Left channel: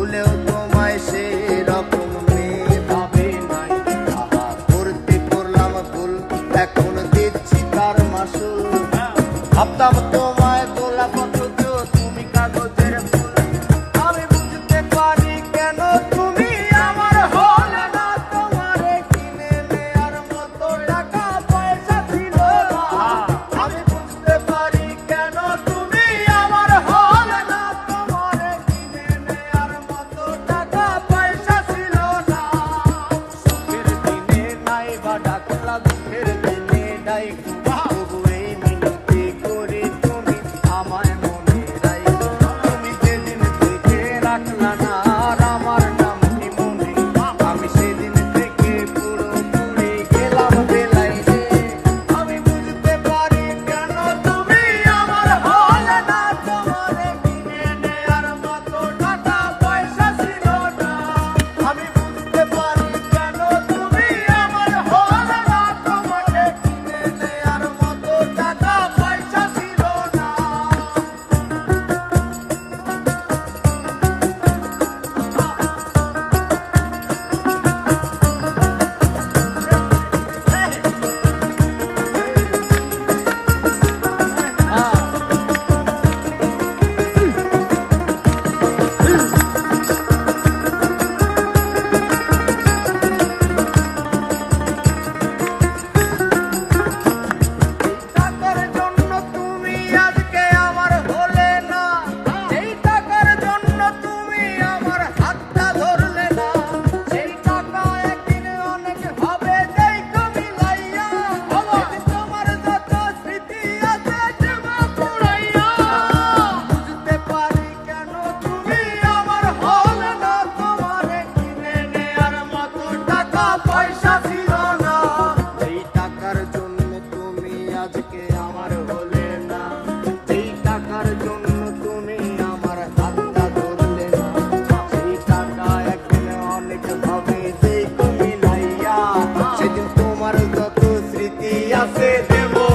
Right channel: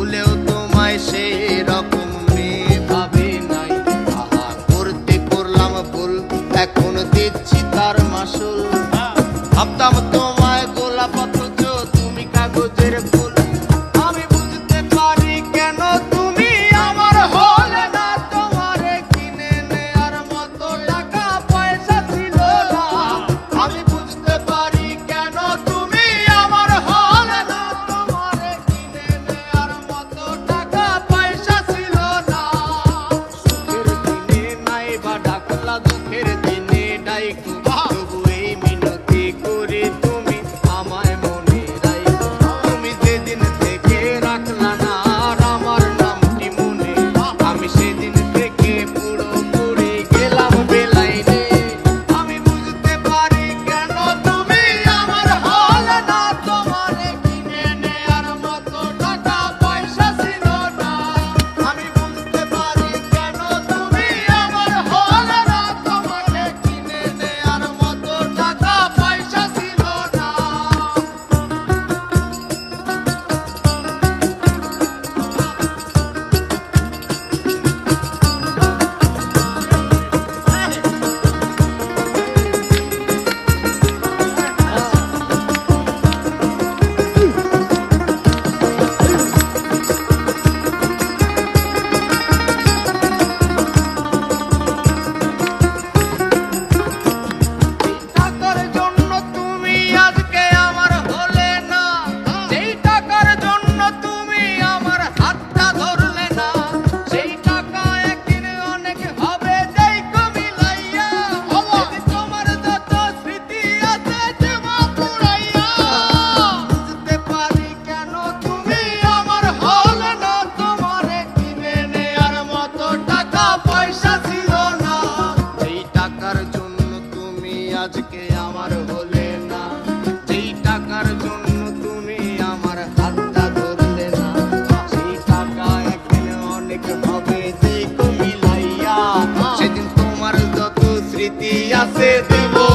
ভুলেও তোমায় সেই রকম ভাবে নাই। আহা করতে পড়লাম ভুল, এখন দিচ্ছি তার মাসুল। ভাবতাম তো আজকে আমার হলে না। যেই টাকার জন্য তুমি আমার হাতটা ধরলে না, সেই টাকা একদিন অনেক হবে তুমি লাইয়া। সেদিন তোমার যত স্মৃতি আছে দেবো